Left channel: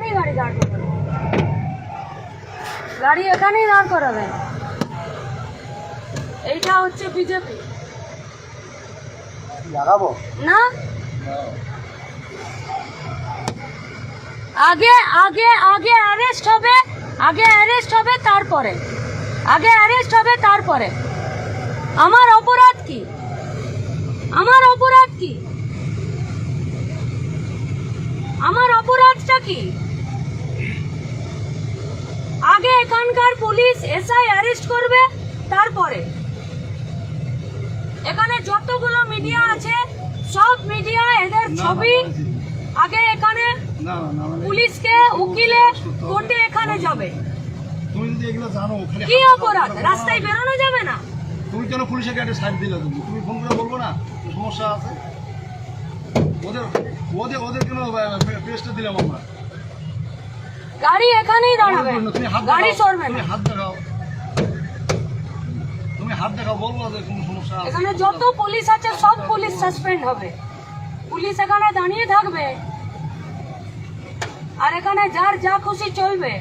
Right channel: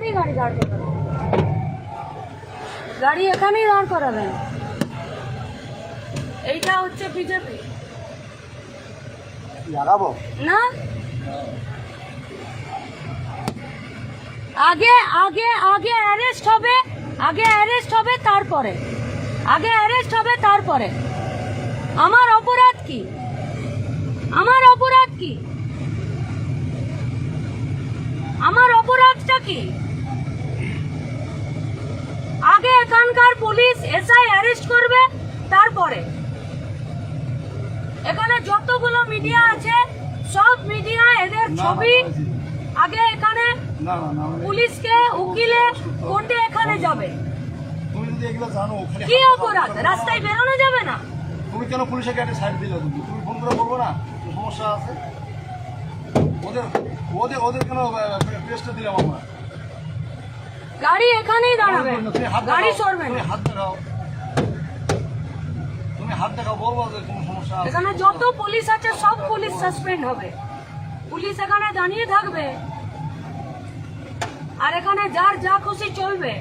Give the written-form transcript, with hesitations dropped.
এখানেই গাড়ি দাঁড় করাবেন, গাড়ি এখানেই দাঁড় করাবেন। এইটা হচ্ছে বিজেপি লাগাবো না? আগে আগে আগে অ্যারেস্ট হবে, আগে অ্যারেস্ট হবে তারপরে, আগে অ্যারেস্ট হবে তারপরে। আমার অপরাধ কি? আমার অপরাধ কি? আমার অপরাধটা কি? আগে এখানকার পুলিশ এসআই অ্যারেস্ট করবে তারপরে। এখানে যতগুলো মিডিয়া আছে সব মিডিয়া এদের ছবি আগে এখানে পুলিশকে উকিলে কোর্টে এখানে যাবে। তুমি যদি এগুলো জানো কি অপরাধ? রাস্তায় বেরোনো যাবে না? তুমি কেন পুলিশের গাড়ি সাইড দিলে? তুমি ফোন করে বলবো না সমস্যা আছে? ওদের ওদের ওদের কেন প্রেসটা দিলাম আমরা? গাড়ি এখানেই দাঁড়াবে, তুমি হাত গাড়ি সরবে তুমি না। হাত দেখাও, তুমি হাত দেখাও, বলবো ওদের কোনো সমস্যা আছে? এখানে যত পুলিশ আছে সব পুলিশ সাসপেন্ড হবে, পুলিশ এখানে দাঁড়িয়ে থাকবে আর এখানে যার যা খুশি চলবে।